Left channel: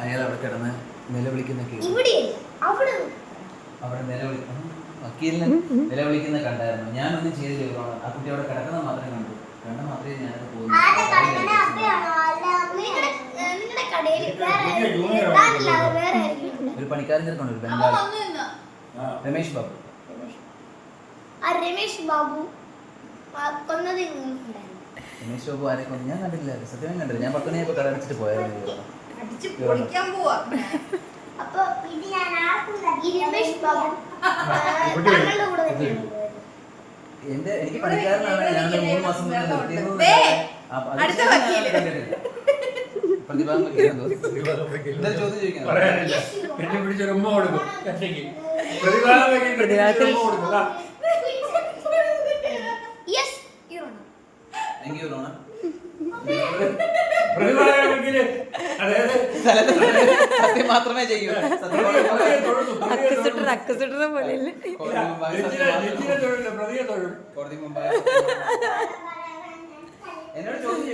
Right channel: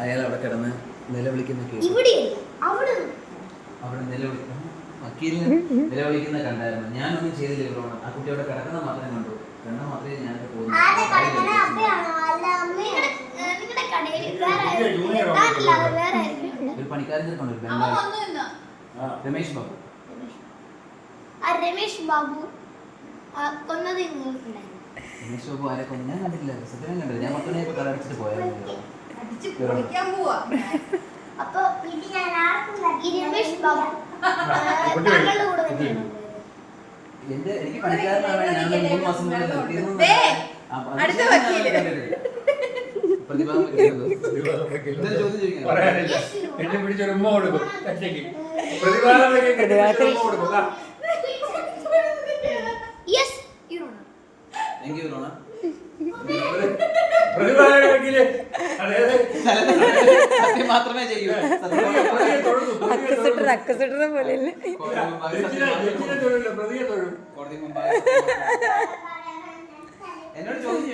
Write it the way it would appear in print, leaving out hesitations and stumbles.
അയാൾ അവിടെ കിടന്ന് നിലവിളിക്കുന്ന അവിടെ നിലവിളിക്കുന്ന കണ്ടായിരുന്നു. ഞാനൊന്നും ചെയ്തില്ല. ഇവിടെ ആ കുട്ടി അവിടെ കിടക്കുന്ന മാത്രമേ കണ്ടു. കണ്ട മാത്രമേ ഞാൻ ഒരു പണിക്കാരൻ ചെറുക്കണ്ടു, ബംഗാളി രമേശ് ബാബു. രമേശ് ബാബു കൊന്നത് രമേശ് ബാബു ആരെ കൊന്നു ഞാൻ കണ്ടിട്ടില്ല. സത്യം കണ്ടില്ല. ഞാൻ 10 മണിയായപ്പോൾ കട അടച്ചിട്ട് പോയായിരുന്നു. അപ്പൊ ഇത് ഞാൻ രമേശ് ബാബു താങ്കളുടെ കൂടെ തന്നെയാണ് പോയത്. എനിക്ക് പണിക്കാരനാണ്. ഞാൻ 3 മാസം മാത്രമേ ചെയ്യൂ. അക്കസിട്ടർ പോലെയല്ലേ എന്നോട് ചോദിച്ചു